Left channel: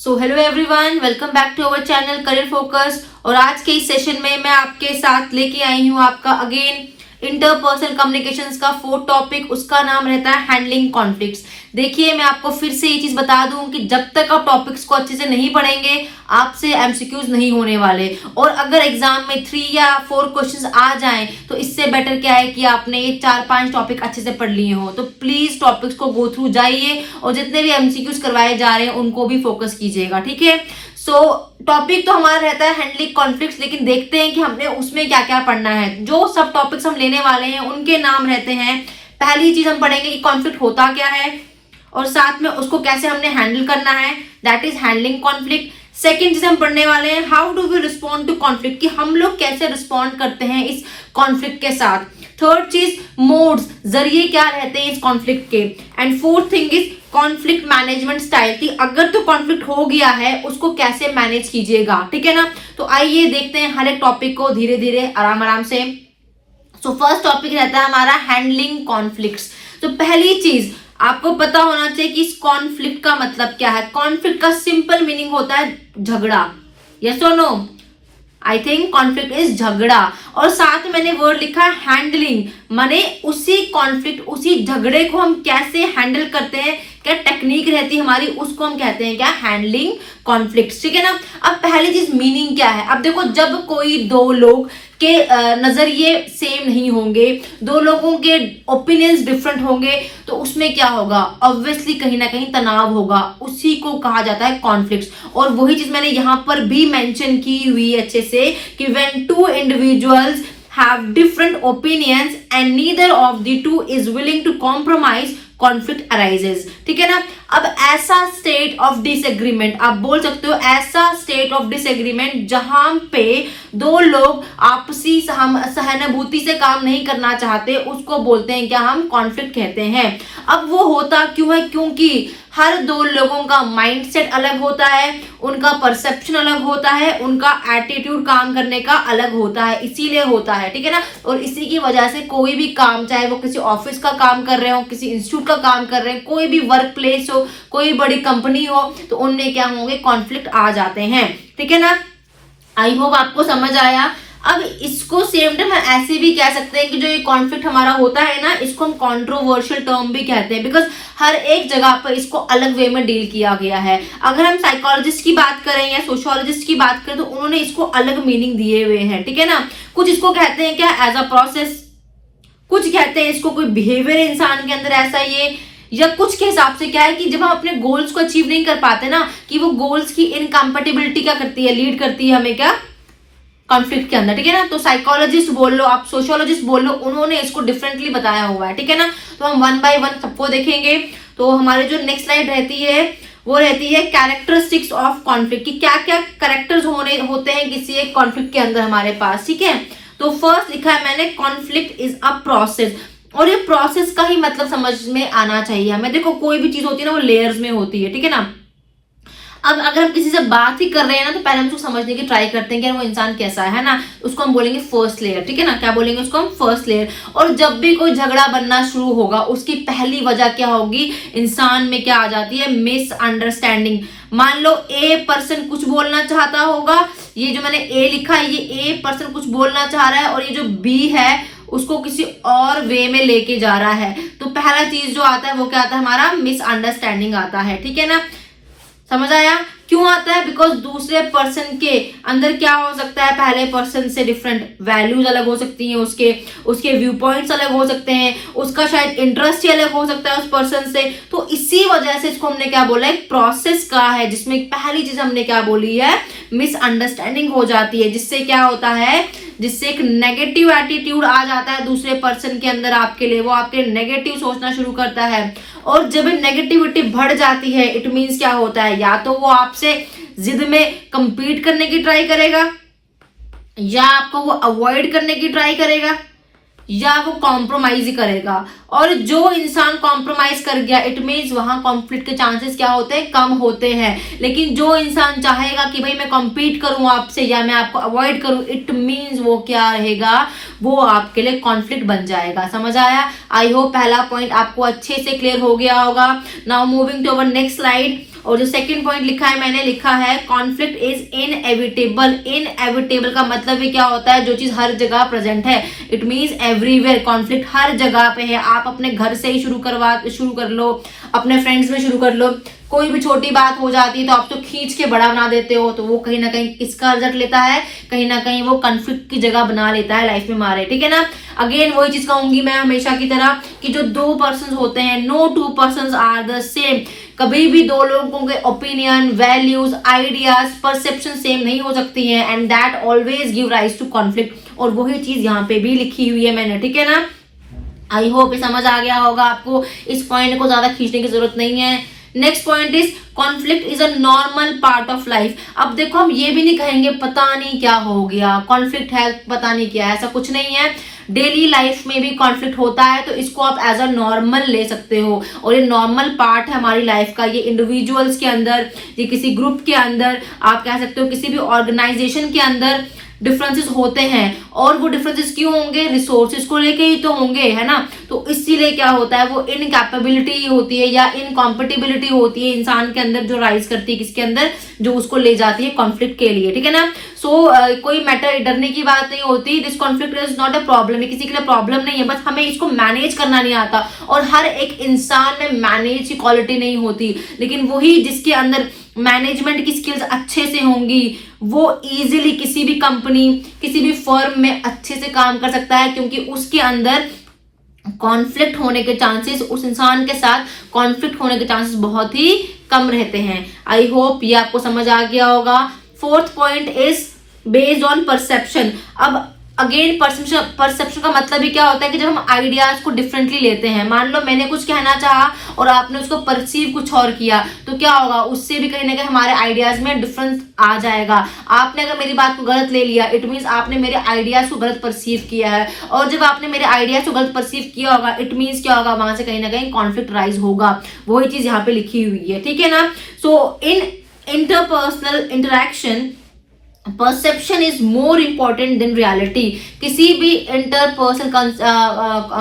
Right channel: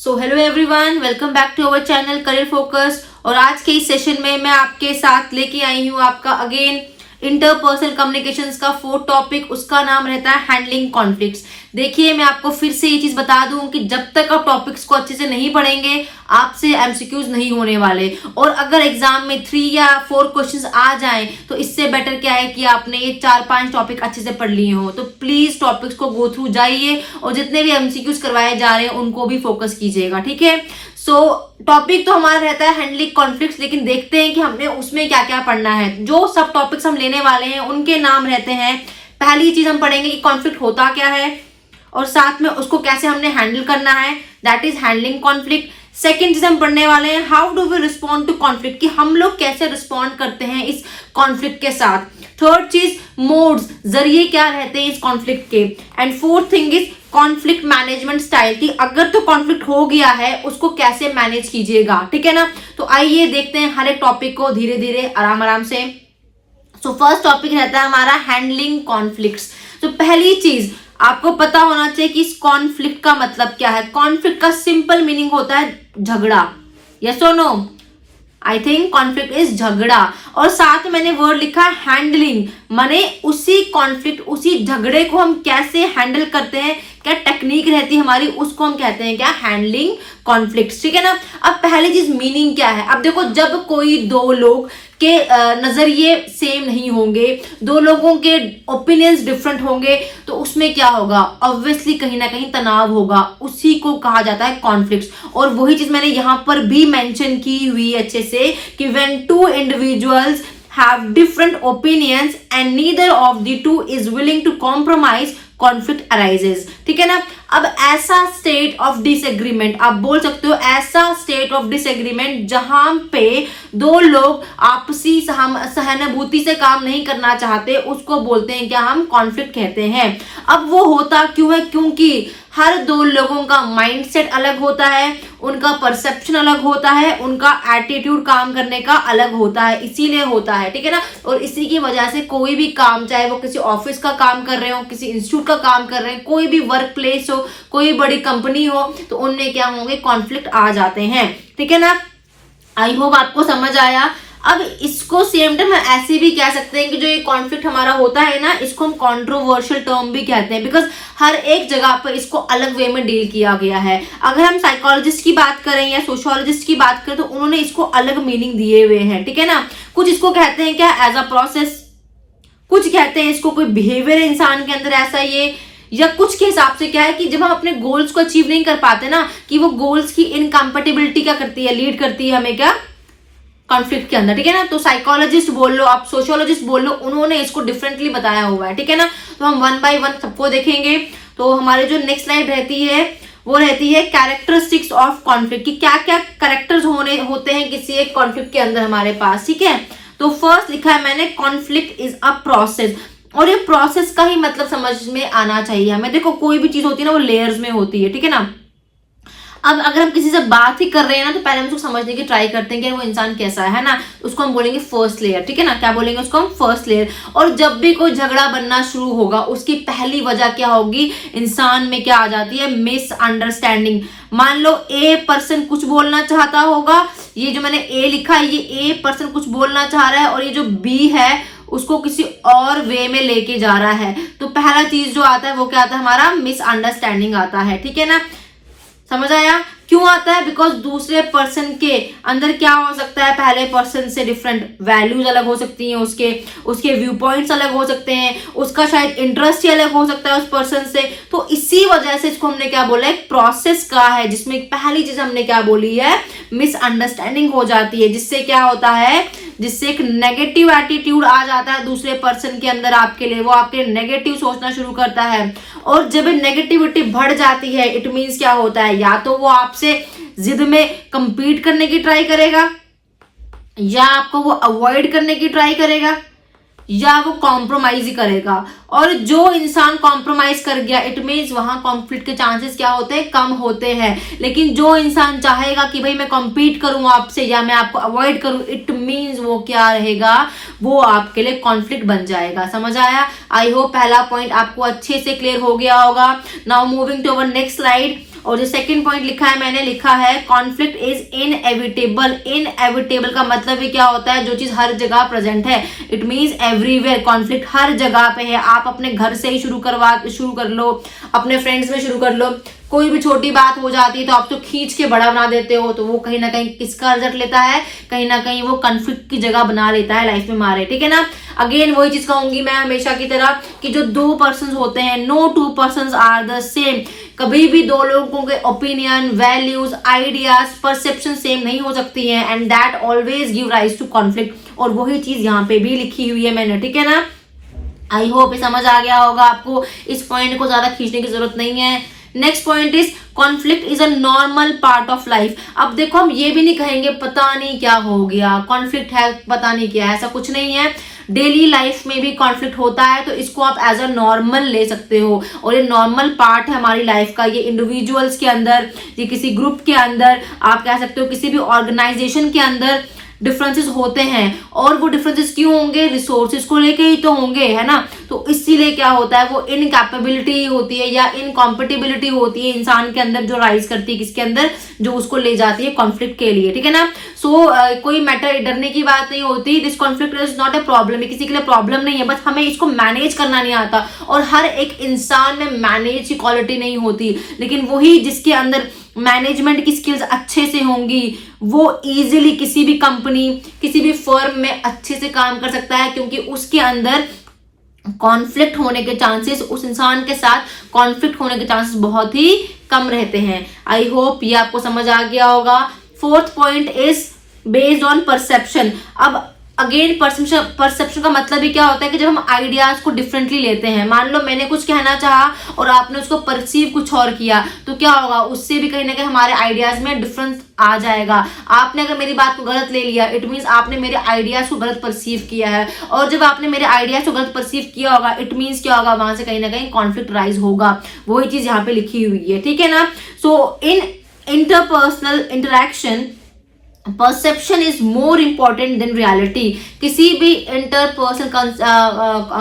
So hello everyone, welcome back to our channel career focus. और आज के इस सेशन में मैं आपके साथ लेके आई हूँ आपका अगेन इंटरपर्सनल कम्युनिकेशंस का फोर्थ टॉपिक। उसका नाम रहता है हैंडलिंग कॉन्फ्लिक्ट्स। देखिए, मैं आपको फिर से ये चीज बता दूं कि जब तक आप टॉपिक्स को अच्छे से नहीं पढ़ेंगे आपसे एमसीक्यूज नहीं होने वाले। और अगर एग्जाम में 3 या 4 क्वेश्चंस आ जाएं तो इससे बेटर क्या है कि आपने ये 4-5 टॉपिक अच्छे से पढ़ लिए हो। तो प्लीज टॉपिक्स को गो थ्रू जाइए और जितने भी एमसीक्यूज करवाए जा रहे हैं उनको भी फोकस कीजिएगा, ठीक है। सो टॉपिक तो हमारा रहता है हैंडलिंग कॉन्फ्लिक्ट्स, लेकिन देखते हैं कि हमने उसमें क्या क्या पढ़ना है। जो सब टॉपिक्स हम लेने वाले हैं उनके नाम रहते हैं, पहली चीज हम पढ़ेंगे कि कॉन्फ्लिक्ट होता क्या है और साथ में उसको कैसे हमने हैंडल करना है, that is handling conflict. Second चीज हम पढ़ने वाले हैं how do we respond to conflict, कि हम लोग कैसे रिस्पॉन्ड करते हैं इस कॉन्फ्लिक्ट के साथ। थर्ड चीज मोड्स, जरिए क्या रहते हैं इस कॉन्फ्लिक्ट के। And fourth thing is conflict management style, कि अगर तो कॉन्फ्लिक्ट हो गया है उसको कैसे मैनेज कीजिएगा, ठीक है ना। तो आइए देखते हैं हर एक टॉपिक को धीरे धीरे आराम आराम से। सो फर्स्ट टॉपिक रहता है हमारा हैंडलिंग कॉन्फ्लिक्ट्स। तो पहली चीज आपको पता होना चाहिए कि इस कॉन्फ्लिक्ट का मतलब क्या है। कॉन्फ्लिक्ट का सिंपल मीनिंग होता है झगड़ा। यस और no? I think conflict is झगड़ा। और साथ में मैंने वर्ड लिखा है हैंडलिंग, माने उसी कॉन्फ्लिक्ट उसी झगड़े को हम कैसे हैंडल करते हैं, क्या टेक्निक रहती है हमारी, उसको हम कहते हैं क्या, हैंडलिंग कॉन्फ्लिक्ट, ठीक है ना। अब पहली चीज मीनिंग क्या है। अब देखो, जब कोई दो लोग के नजरिए सेम नहीं होंगे, दो लोगों के ओपिनियंस डिफरेंट होंगे, तो उसमें क्या होगा, ऑब्वियसली कहीं ना कहीं तनाव होगा। उसी को कहा जाता है कॉन्फ्लिक्ट्स। और वही चीज मैंने यहां पर भी मेंशन की हुई अच्छे से कि when 2 individuals have different opinions and neither of the two is willing to compromise, conflict arises, ठीक है ना। अब ऐसा स्टेट ऑफ डिसएग्रीमेंट, आप बोल सकते हो ऐसा स्टेट ऑफ डिसएग्रीमेंट जहां पे दो लोग आपसी सहानुभूति से काम नहीं करना चाहते, उसको बोलते हैं क्या, हम कॉन्फ्लिक्ट कहते हैं। अब वो होता क्यों है, क्योंकि हर दो लोगों का माइंडसेट अलग होता है, उनका परसेप्शन अलग होता है, उनका एटीट्यूड काम करने का अलग होता है, इसीलिए होता है, ठीक है ना। और इसी की वजह से कोई भी काम, चाहे वो किसी ऑफिस का काम कर रहे हो, किसी इंस्टीट्यूट का काम कर रहे हैं, कोई भी वर्क प्लेस हो, कोई बड़ी कंपनी हो, तो उनमें क्या होंगे, कॉन्फ्लिक्ट आ जाते हैं, ठीक है ना। आई होप आपको समझ आया। अब इसको सेम टाइम ऐसे भी कह सकते हैं कि जो ये कॉन्फ्लिक्ट हमारा होता है ना, इसको हम कंट्रोवर्शियल टर्म भी कहते हैं, बिकॉज हर एक जगह पर इसको अलग वे में डील किया गया है। अगर हम साइकोलॉजिस्ट की बात करें या सोशियोलॉजिस्ट की बात करें तो उन्होंने इसको अलग मीनिंग दिए हुए हैं, ठीक है ना। कुछ इसको कहते हैं क्या, एज अ प्रोसेस, कुछ कहते हैं इसको कोई बिहेवियर इंसान के अंदर ऐसा ये, या कुछ के हिसाब से क्या है कि जब हम अपने गोल्स को अचीव नहीं कर पाते ना, कि वो गोल्स की इनकम्पेटिबिलिटी क्या करती है, लीड करती है हमें क्या, कॉन्फ्लिक्ट के अंदर, ठीक है ना। तो साइकोलॉजिस्ट बोल लो, आप सोशियोलॉजिस्ट बोल लो, उन्होंने इसको डिफरेंटली बताया हुआ है, ठीक है ना। तो हम 1 by 1 सबको देखेंगे। तो हमारे जो नेक्स्ट स्लाइड रहती है वो रहती है कैरेक्टरिस्टिक्स ऑफ कॉन्फ्लिक्ट, कि क्या क्या कैरेक्टर्स होते हैं किसी एक कॉन्फ्लिक्ट के अंदर हमारे पास, ठीक है। तो फर्स्ट लिखा है मैंने, कॉन्फ्लिक्ट इज अ प्रोसेस। और ये प्रोसेस का ही मतलब समझ में आना चाहिए हमें। देखो, कोई भी चीज होती है ना, वो लेयर्स में होती है, ठीक है ना। अब अगर हम किसी से बात ही कर रहे हैं ना, तो पहले हम उसको समझने की ट्राई करते हैं कि वो इंसान कैसा है ना, उसको हम बोलेंगे फर्स्ट लेयर, ठीक है ना। क्या बोलेंगे उसको हम, फर्स्ट लेयर। और जब भी कोई झगड़ा बनना शुरू होगा, उसकी पहली वजह क्या होगी, इंसान में क्या आ जाती है, मिसअंडरस्टैंडिंग। मान लो ए पर्सन कुछ बोलना चाहता होगा, ये जो मैंने ए लिखा है, ये ए पर्सन कुछ बोलना चाह रहा है, और ये जो बी है उसको किसी और वे में लेके जा रहा है। तो पहला चीज जो आता है वो क्या आता है, हमारा मिसअंडरस्टैंडिंग आता है, ठीक है ना। समझ आया क्यों आता है, बिकॉज दूसरे पर्सन के अंदर क्या हो सकता है, पहले पर्सन से डिफरेंट वैल्यूज अलग हो सकती हैं, उसके व्यू पॉइंट्स अलग हो सकते हैं, उसका शायद इंटरेस्ट ही अलग हो सकता है उस पर्सन से। तो इसी वजह से इसको हमने क्या बोला, एक प्रोसेस का है, जिसमें पहली चीज हमने क्या बोली है, मिसअंडरस्टैंडिंग हो जाती है, जिससे क्या होता है, जिससे एक नेगेटिव एटीट्यूड आ जाता है दूसरे पर्सन के अंदर आपके लिए, वो आपके नेगेटिव सोचना शुरू करता है। और जब नेगेटिविटी बढ़ जाती है, इट मीन्स क्या होता है, या तो वो आपसे जिद में कंपीट करने की ट्राई करेगा, या आपको वो अवॉइड करने की ट्राई करेगा, या वो कॉम्प्रोमाइज ही करेगा। और जो इंसान कॉम्प्रोमाइज कर गया, इट मीन्स वहां कॉन्फ्लिक्ट के चांसेस क्या होते हैं, कम होते हैं। लेकिन जो इंसान चाहेगा कि भाई मैं कॉम्पीट करूं आपसे या मैं आपको अवॉइड करूं, इट मीन्स वो क्या रहेगा, वो आपके लिए कॉन्फ्लिक्ट बन जाएगा। समझ आया? आई होप पहला पॉइंट आपको अच्छे से क्लियर हो गया होगा। Now moving to our next slide. और जो सेकंड पॉइंट लिखा है, मैंने लिखा है कॉन्फ्लिक्ट इज इनएविटेबल। इनएविटेबल का मतलब भी क्या होता है, जो चीज हर जगह प्रेजेंट है, इट मीन्स एवरीवेयर। कॉन्फ्लिक्ट हर जगह पे है। आप अपने घर से ही शुरू कर लो, अपने फ्रेंड्स में शुरू कर लो, कोई भी छोटी बात हो जाती है तो आप तो खींच के बड़ा बना देते हो, तो वो कहीं ना कहीं किसका रिजल्ट लेता है, कहीं ना कहीं वो कॉन्फ्लिक्ट की जगह बना लेता है लाइफ में हमारे, ठीक है ना। अगेन वही चीज कहूंगी मैं हमेशा की तरह कि जो दो पर्सन होते हैं, no two person are the same. कभी भी दो लोगों के opinion, values, ideas, perception same नहीं हो सकती है, and that always give rise to conflict. और वही चीज यहाँ पे भी लिखी हुई है मैंने, ठीक है ना। आई होप समझ आ गया होगा आपको, इस पॉइंट को ज्यादा खींचने की जरूरत नहीं है। Next point is conflict is a normal part of life. अब देखो हम ये भी नहीं कहेंगे पता नहीं क्या हो गया, कॉन्फ्लिक्ट है पता नहीं क्या है, ऐसा कुछ नहीं है। डेली लाइफ में भी कॉन्फ्लिक्ट होता है, तो इसको आप एज अ नॉर्मल ले सकते हो, और ये नॉर्मल पार्ट है हमारी लाइफ का। ये इंडिविजुअल्स के अंदर, ये किसी ग्रुप के अंदर, आप कह सकते हो किसी भी ऑर्गेनाइजेशन के अंदर डिफरेंसेस होते हैं। और वो डिफरेंसेस क्यों होंगे, रिसोर्सेज को लेके ही तो होंगे, है ना। तो इसीलिए क्या होता है, वो इनकैपेबिलिटी होती है या इनकॉम्पेटिबिलिटी होती है इंसान के अंदर, जो राइज करती है किसके अंदर, जो उसको ले जाती है कॉन्फ्लिक्ट के लिए, ठीक है ना। सो कोई मैटर डरने की बात नहीं होती। This conflict is not a problem, किसी के लिए प्रॉब्लम नहीं है, बस हमें इसको मैनेज करना नहीं आता। और हर एक इंसान में मैनेज की क्वालिटी नहीं होती, लेकिन वही जिसके अंदर मैनेजमेंट की स्किल्स अच्छे से होंगी, वो इजीली किसी भी कंपनी, किसी भी फर्म में अच्छे से काम कर सकता है, क्योंकि उसके अंदर कॉन्फ्लिक्ट होने के चांसेस, उस इंसान के साथ कॉन्फ्लिक्ट होने के चांसेस बहुत ही कम रहते हैं। आई होप ये आपको समझ आ गया होगा। Fourth point is based on perception. अब अगेन परसेप्शन का मतलब ही क्या होता है कि जब हम आइडियाज को डिफरेंटली लेते हैं, मान लो मैंने कुछ कहना चाहा और आपने उसको परसीव कुछ और किया, तो क्या होगा, उससे भी कहीं ना कहीं हमारे आइडियाज में डिफरेंस आ जाएगा। आपने अगर मेरी बात को गलत ले लिया, इट मीन्स आपने मेरे आइडियाज को गलत परसीव किया है, और जब आपने मेरे आइडियाज को गलत परसीव किया होगा, इट मीन्स क्या होगा, वहां से कहीं ना कहीं कॉन्फ्लिक्ट राइज होगा। वही चीज यहाँ पे लिखी हुई है, ठीक है ना। So in interpersonal interaction perception is more important than reality. किसी भी इंटरपर्सनल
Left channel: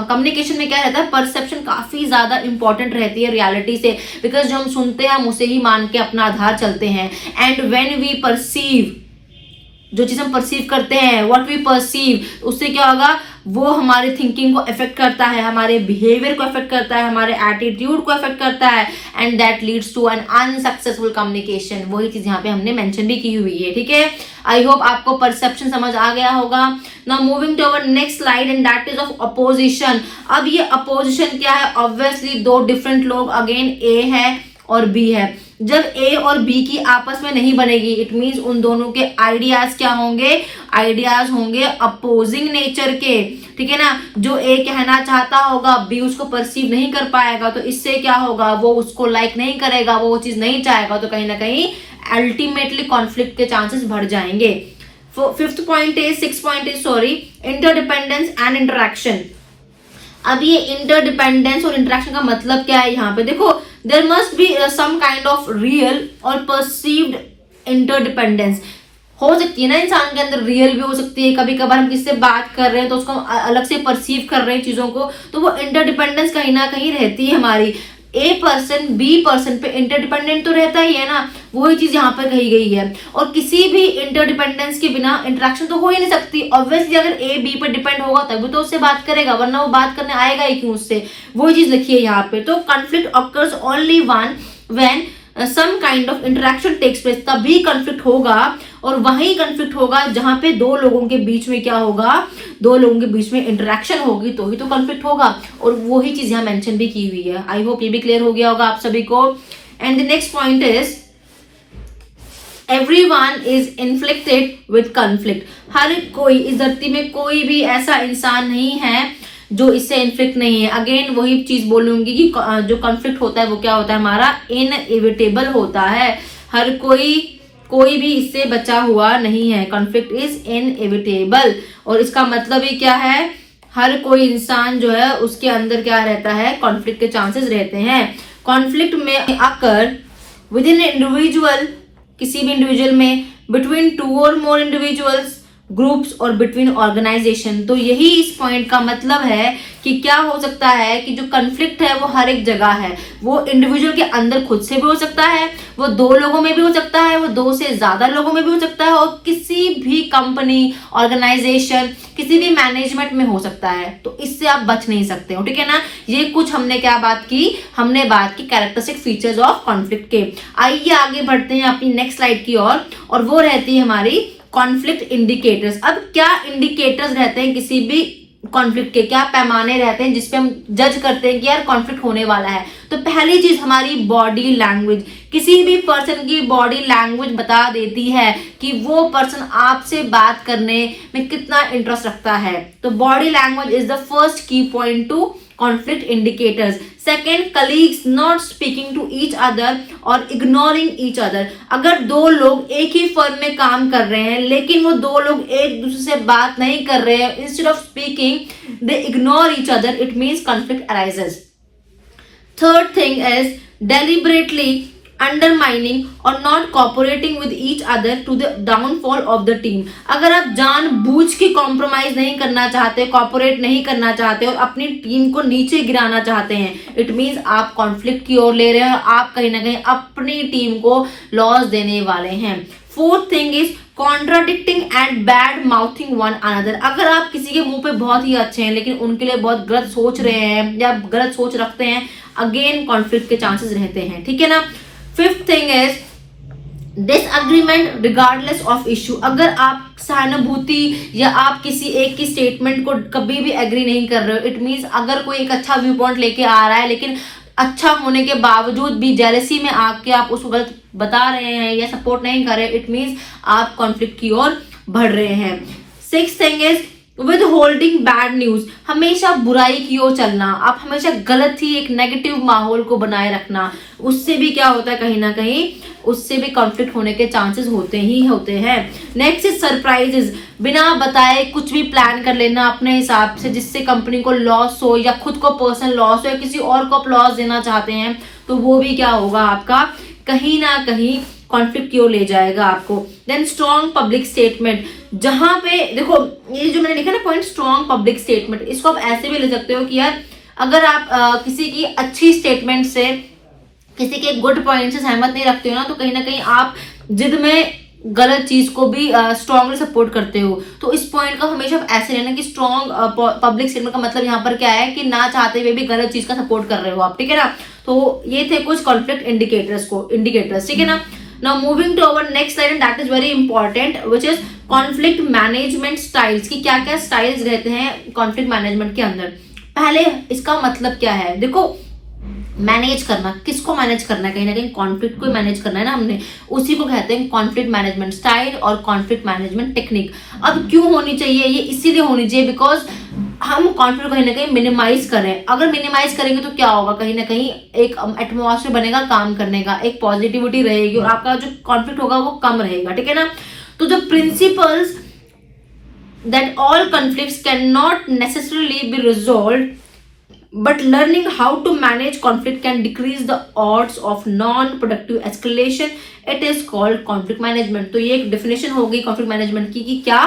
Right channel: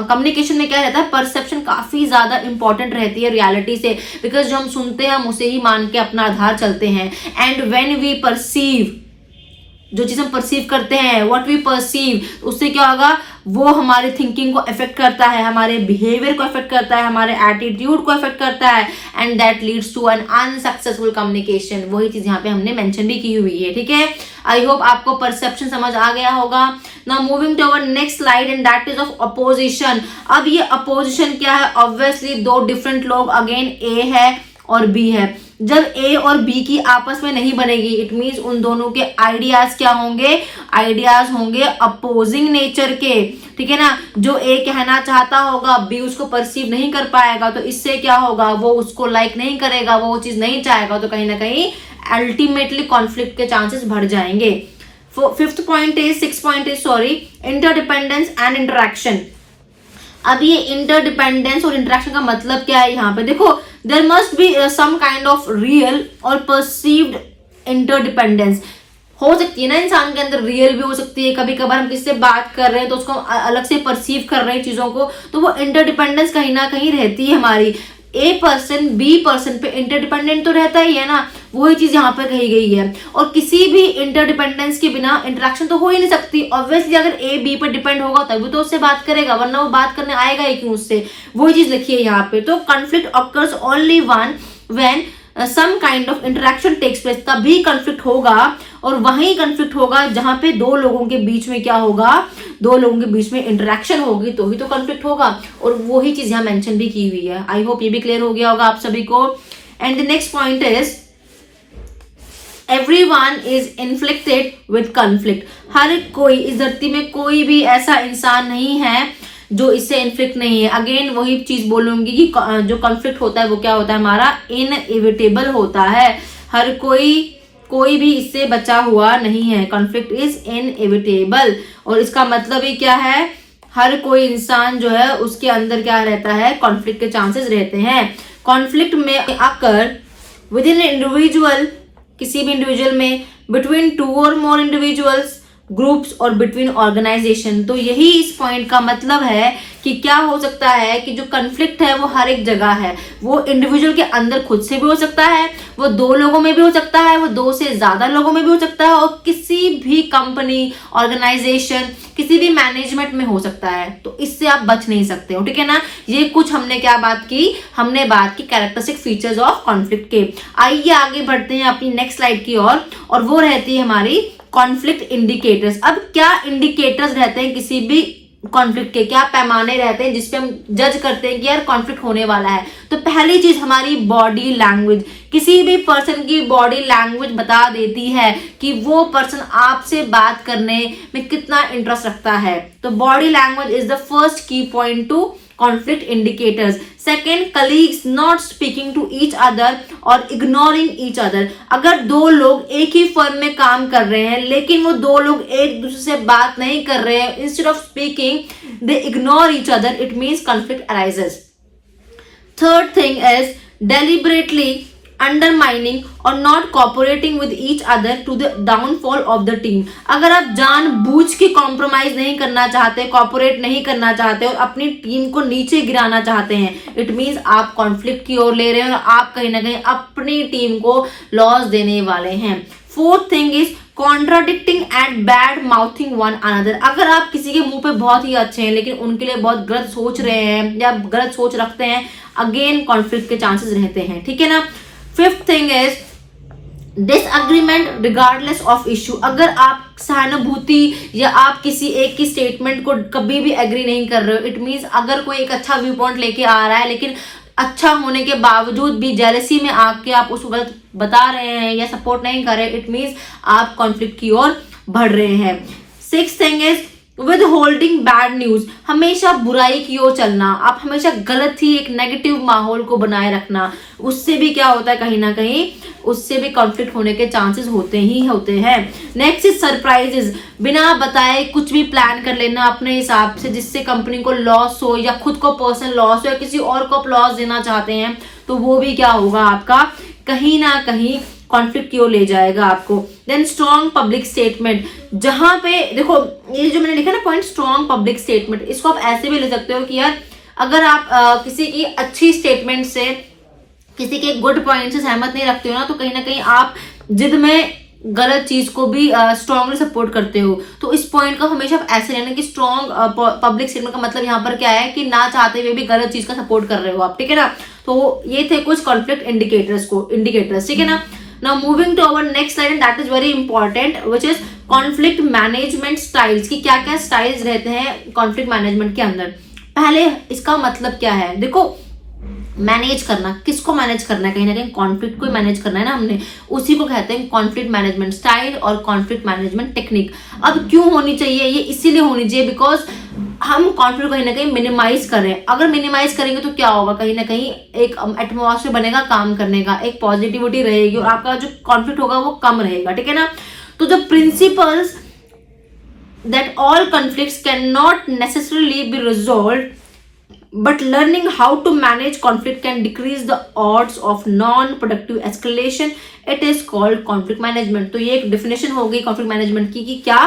कम्युनिकेशन में क्या रहता है, परसेप्शन काफी ज्यादा इंपॉर्टेंट रहती है रियलिटी से, बिकॉज जो हम सुनते हैं हम उसे ही मान के अपना आधार चलते हैं। एंड व्हेन वी परसीव, जो चीज हम परसीव करते हैं, व्हाट वी परसीव, उससे क्या होगा, वो हमारे थिंकिंग को अफेक्ट करता है, हमारे बिहेवियर को अफेक्ट करता है, हमारे एटीट्यूड को अफेक्ट करता है, and that leads to an unsuccessful communication. वही चीज यहाँ पे हमने मेंशन भी की हुई है, ठीक है। आई होप आपको परसेप्शन समझ आ गया होगा। Now moving to our next slide, and that is of opposition. अब ये अपोजिशन क्या है, ऑब्वियसली दो डिफरेंट लोग, अगेन ए है और बी है। जब ए और बी की आपस में नहीं बनेगी, इट मीन्स उन दोनों के आइडियाज क्या होंगे, आइडियाज होंगे अपोजिंग नेचर के, ठीक है ना। जो ए कहना चाहता होगा, बी उसको परसीव नहीं कर पाएगा, तो इससे क्या होगा, वो उसको लाइक नहीं करेगा, वो चीज नहीं चाहेगा, तो कहीं ना कहीं अल्टीमेटली कॉन्फ्लिक्ट के चांसेस बढ़ जाएंगे। Six point is interdependence and interaction. अब ये इंटरडिपेंडेंस और इंटरेक्शन का मतलब क्या है, यहाँ पे देखो, there must be some kind of real और परसीव्ड इंटरडिपेंडेंस। हो सकती है ना इंसान के अंदर, रियल भी हो सकती है, कभी कभार हम किससे बात कर रहे हैं तो उसको अलग से परसीव कर रहे हैं चीजों को, तो वो इंटरडिपेंडेंस कहीं ना कहीं रहती है हमारी। ए पर्सन बी पर्सन पे इंटरडिपेंडेंट तो रहता ही है ना, वही चीज यहाँ पर कही गई है। और किसी भी इंटरडिपेंडेंस के बिना इंटरेक्शन तो हो ही नहीं सकती। ऑब्वियसली अगर ए बी पर डिपेंड होगा तभी तो उससे बात करेगा, वरना वो बात करने आएगा ही क्यों उससे, वही चीज लिखी है यहाँ पे। तो conflict occurs only one when some kind of interaction takes place, तभी कॉन्फ्लिक्ट होगा, और वहीं कॉन्फ्लिक्ट होगा जहां पे दो लोगों के बीच में क्या होगा, दो लोगों के बीच में इंटरेक्शन होगी, तो ही तो कॉन्फ्लिक्ट होगा। और वही चीज यहाँ मेंशन भी की हुई है। आई होप ये भी क्लियर हो गया होगा आप सभी को। And the next point is everyone is inflicted with conflict. हर कोई, इस धरती में कोई भी ऐसा इंसान नहीं है जो इससे इन्फ्लिक्ट नहीं है। अगेन वही चीज बोलूंगी कि जो कॉन्फ्लिक्ट होता है वो क्या होता है, हमारा इनएविटेबल होता है। हर कोई भी इससे बचा हुआ नहीं है। कॉन्फ्लिक्ट इज इनएविटेबल, और इसका मतलब ही क्या है, हर कोई इंसान जो है उसके अंदर क्या रहता है, कॉन्फ्लिक्ट के चांसेस रहते हैं। कॉन्फ्लिक्ट में आकर विद इन इंडिविजुअल, किसी भी इंडिविजुअल में, बिटवीन टू और मोर इंडिविजुअल्स, ग्रुप्स और बिटवीन ऑर्गेनाइजेशन। तो यही इस पॉइंट का मतलब है कि क्या हो सकता है कि जो कॉन्फ्लिक्ट है वो हर एक जगह है। वो इंडिविजुअल के अंदर खुद से भी हो सकता है, वो 2 लोगों में भी हो सकता है, वो 2 से ज्यादा लोगों में भी हो सकता है, और किसी भी कंपनी, ऑर्गेनाइजेशन, किसी भी मैनेजमेंट में हो सकता है। तो इससे आप बच नहीं सकते हो, ठीक है ना। ये कुछ हमने क्या बात की, हमने बात की कैरेक्टरिस्टिक फीचर्स ऑफ कॉन्फ्लिक्ट के। आइए आगे बढ़ते हैं अपनी नेक्स्ट स्लाइड की ओर, और वो रहती है हमारी कॉन्फ्लिक्ट इंडिकेटर्स। अब क्या इंडिकेटर्स रहते हैं किसी भी कॉन्फ्लिक्ट के, क्या पैमाने रहते हैं जिसपे हम जज करते हैं कि यार कॉन्फ्लिक्ट होने वाला है। तो पहली चीज हमारी बॉडी लैंग्वेज। किसी भी पर्सन की बॉडी लैंग्वेज बता देती है कि वो पर्सन आपसे बात करने में कितना इंटरेस्ट रखता है। तो body language is the first key point to conflict indicators. Second, colleagues not speaking to each other और इग्नोरिंग ईच अदर। अगर 2 लोग एक ही फर्म में काम कर रहे हैं लेकिन वो 2 लोग एक दूसरे से बात नहीं कर रहे हैं, instead of speaking they ignore each other, it means conflict arises. Third thing is deliberately undermining or not cooperating with each other to the downfall of the team। अगर आप जानबूझ के कॉम्प्रोमाइज नहीं करना चाहते, कॉपरेट नहीं करना चाहते और अपनी टीम को नीचे गिराना चाहते हैं, इट मीन्स आप कॉन्फ्लिक्ट की ओर ले रहे हैं और आप कहीं ना कहीं अपनी टीम को लॉस देने वाले हैं। Fourth thing is contradicting and bad mouthing one another. अगर आप किसी के मुंह पे बहुत ही अच्छे हैं लेकिन उनके लिए बहुत गलत सोच रहे हैं या गलत सोच रखते हैं, अगेन कॉन्फ्लिक्ट के चांसेस रहते हैं, ठीक है ना। Fifth thing is disagreement regardless of issue. अगर आप सहानुभूति या आप किसी एक की स्टेटमेंट को कभी भी एग्री नहीं कर रहे हो, इट मीन्स अगर कोई एक अच्छा व्यू पॉइंट लेके आ रहा है लेकिन अच्छा होने के बावजूद भी जेलसी में आके आप उसको गलत बता रहे हैं या सपोर्ट नहीं कर रहे, इट मीन्स आप कॉन्फ्लिक्ट की ओर बढ़ रहे हैं। Sixth thing is with holding bad news. हमेशा बुराई की ओर चलना, आप हमेशा गलत ही एक नेगेटिव माहौल को बनाए रखना, उससे भी क्या होता है, कहीं ना कहीं उससे भी कॉन्फ्लिक्ट होने के चांसेस होते ही होते हैं। Next is surprises. बिना बताए कुछ भी प्लान कर लेना अपने हिसाब से जिससे कंपनी को लॉस हो या खुद को पर्सनल लॉस हो या किसी और को आप लॉस देना चाहते हैं, तो वो भी क्या होगा, आपका कहीं ना कहीं कॉन्फ्लिक्ट की ओर ले जाएगा आपको। Then strong public statement. जहां पे देखो ये जो मैंने लिखा ना पॉइंट, स्ट्रॉन्ग पब्लिक स्टेटमेंट, इसको आप ऐसे भी ले सकते हो कि यार अगर आप किसी की अच्छी स्टेटमेंट से, किसी के गुड पॉइंट से सहमत नहीं रखते हो ना, तो कहीं ना कहीं आप जिद में गलत चीज को भी स्ट्रांगली सपोर्ट करते हो। तो इस पॉइंट का हमेशा आप ऐसे लेना कि स्ट्रॉन्ग पब्लिक स्टेटमेंट का मतलब यहाँ पर क्या है कि ना चाहते हुए भी गलत चीज का सपोर्ट कर रहे हो आप, ठीक है ना। तो ये थे कुछ कॉन्फ्लिक्ट इंडिकेटर्स, ठीक है ना। Now moving to our next slide and that is very important, which is conflict management styles। कि क्या क्या स्टाइल्स रहते हैं कॉन्फ्लिक्ट मैनेजमेंट के अंदर। पहले इसका मतलब क्या है, देखो मैनेज करना, किसको मैनेज करना है, कहीं ना कहीं कॉन्फ्लिक्ट को मैनेज करना है ना हमने, उसी को कहते हैं कॉन्फ्लिक्ट मैनेजमेंट स्टाइल और कॉन्फ्लिक्ट मैनेजमेंट टेक्निक। अब क्यों होनी चाहिए, ये इसीलिए होनी चाहिए बिकॉज हम कॉन्फ्लिक्ट कहीं ना कहीं मिनिमाइज करें। अगर मिनिमाइज करेंगे तो क्या होगा, कहीं ना कहीं एक एटमॉस्फेयर बनेगा काम करने का, एक पॉजिटिविटी रहेगी और आपका जो कॉन्फ्लिक्ट होगा वो कम रहेगा, ठीक है ना। तो the principles that all conflicts can not necessarily be resolved but learning how to manage conflict can decrease the odds of non-productive escalation, it is called conflict management। तो ये एक definition हो गई conflict management की, कि क्या